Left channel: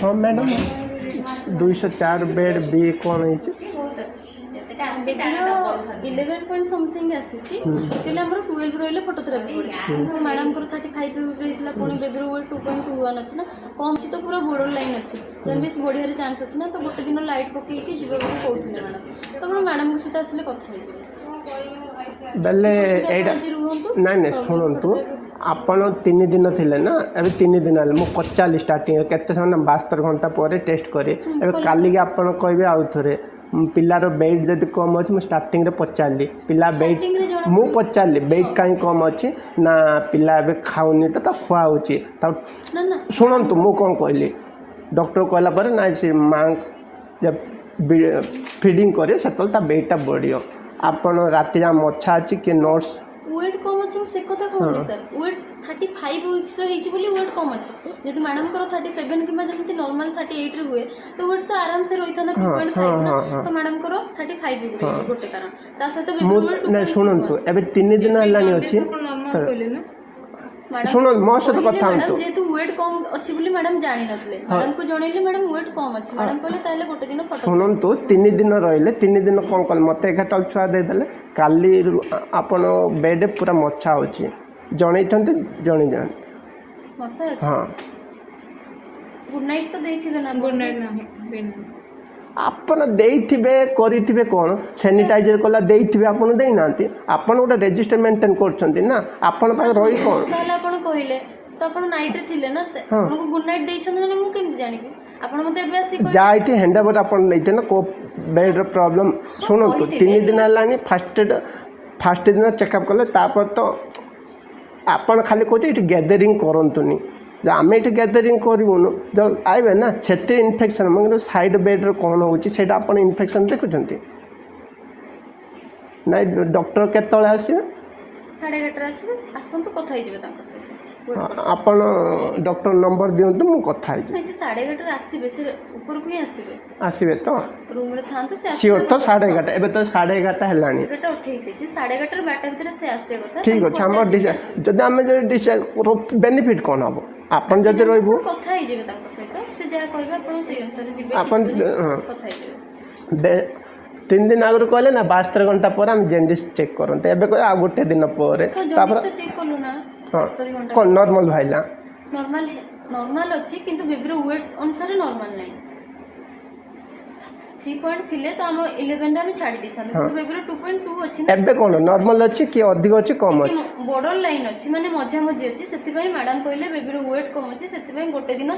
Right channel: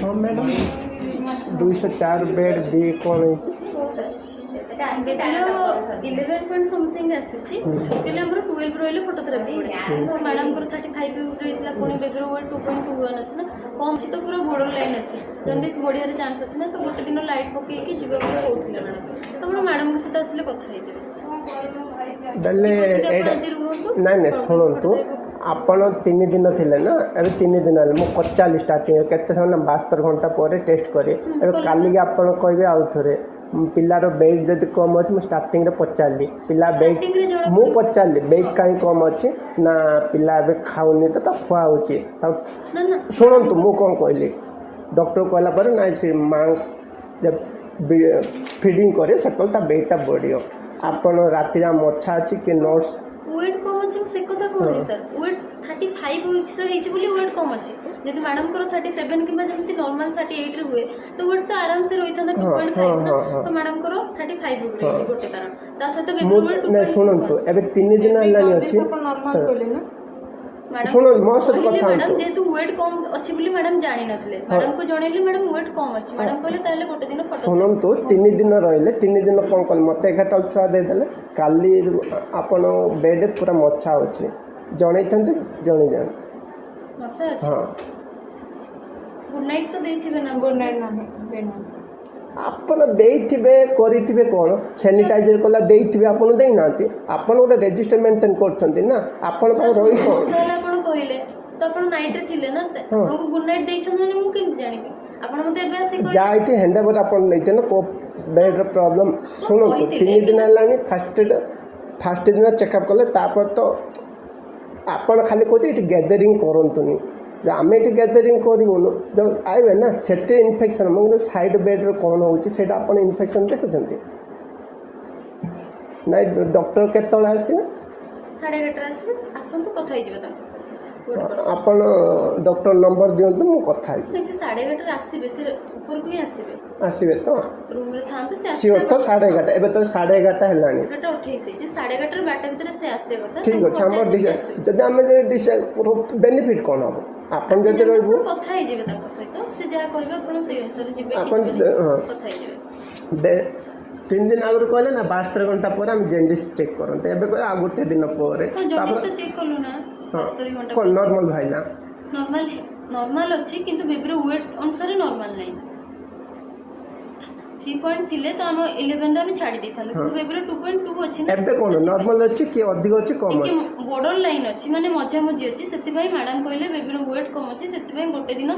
हाँ madam 204 bed B कौन है बेबीर 11 पॉइंट समथिंग आसी एक्चुअली आमर 12 रही फोटोथेरापी पड़े किंतु मैडम को 35 वीक रही पुणी बेबीर वेट 2.21 अच्छे ना कम अच्छी तो पूरा बॉर्डर लाइन अच्छे जन्डिस बढ़िया चांस अच्छे ना तो गोटे दिन लाइट पकईकि जी कहते मैडम तो मैडम सहित आसिले कथा नहीं शुणु आपण 3 दिन थिले ना अभी 3 दिन है मुझे 50 स्टार्टिंग केते समय 72 घंटा पर टेस्ट करे काली आपण कहबे आउ थरे पिलार वेट जब कम अच्छे मुझे स्टार्टिंग रे पचारि पिला वेट मु पचारि वेट कहीं कम अच्छे ना पिला ए खाऊनी तो खुआऊँच शुणु मु कौन कहली डॉक्टर कहला पर ना से माँ जब फीडिंग करे से वेटा बढ़ आपण राति जा मच्छा अच्छी कि नर्स वेट कम अच्छे से कथा कहूनी सर वेट 35 वीक्स बोली वेट कम अच्छे जब मैडम को 37 कि जमी नॉर्मल 38 रे हुए तो वेट तो आराम से रही था 2.5 ना तो मैडम को 35 वीक रही गोटे कारण ता सहित बेबी वेट 2. शुणु एबे 3 दिन हलानी अछि नॉर्मल कहले ना शुणु मो सहित कथा मैडम जेतु वेट कम अच्छी बोली मैडम जानि नथले मैडम को जणैले मैडम वेट कम अच्छी मैडम कहले ताले गोटे दिन फोटो शुणु 3 दिन रहिले 3 दिन कौन कल मत 11 छुआ दे देले काली आपण बेड पूरा मच्छा अछि जणै थंते जणै जान मच्छा अछि हां गुड नाइट तो देथिबे ना गुड नाइट ना देना आपण देइथिबे करिथिबे कोन सैनिटाइजर कोला देइथिबे आपण देइ नांती आपण गोटे रजिस्टर मेंटेन करछंती ना आपण पास रही कोन साला आपण कहिले तो आपण नाइट रे थिले ना आपण को गुड नाइट देइछन ना मु केम जानिबे आपण मते एबे आसी कहि जाइते हैंडओवर आपण नैते ना को बेड रो प्रॉब्लम सुनो तो 3 दिन लानी फर्स्ट दिन चेकअप कले तापर तो आपण खाली कहते इट गैदरिंग करंतुनी जो आम ये गैदरिंग करूँ जो आए ना से इनफेक्शन मतलब साइड बेड्रे कौन होती आप इनफेक्शन देखुं ना डॉक्टर केतले आसवे 11:30 आसवे आसतु कथा आपण डॉक्टर नंबर दिंतु मु कथा नहीं से 11:30 आसवे से ऊपर को ही आसवे आसवे तो रूम रे थांतु से सियोर तो 11:30 एबे तो 11:30 हेलानी 11:28 जे 11:30 12 भीतर से आसे कथा ठीक अछि हमर डिसाइड जदि हम जे डिसाइड बेनिफिट कोन हबो आपण जदि रहबो कथा ही जेबे तांको सहित से जा कहबे आपण से अनुसार जेबे आपण कथा ही जेबे 3 दिन आगर कहले ना 72 घंटा पर हम जेंडिस चेक करते एबे कह आ गोटे दिन पर जेंडिस तो चेक करलो ना 72 घंटा कोन नॉर्मल भाइला नॉर्मल अछि किंतु बेबीर वेट अनुसार नॉर्मल नाही 3 पॉइंट थिले तो हम 11 रे हम छाडी देथान किंतु बेबीर 2.2 अछि ना एबे कोन नॉर्मल अछि कि अधिक अछि कम अछि बॉर्डर लाइन अछि माने मझा मझी अछि सेति भाई मैडम कहले बेबीर वेट कम अछि सेति भाई गोटे दिन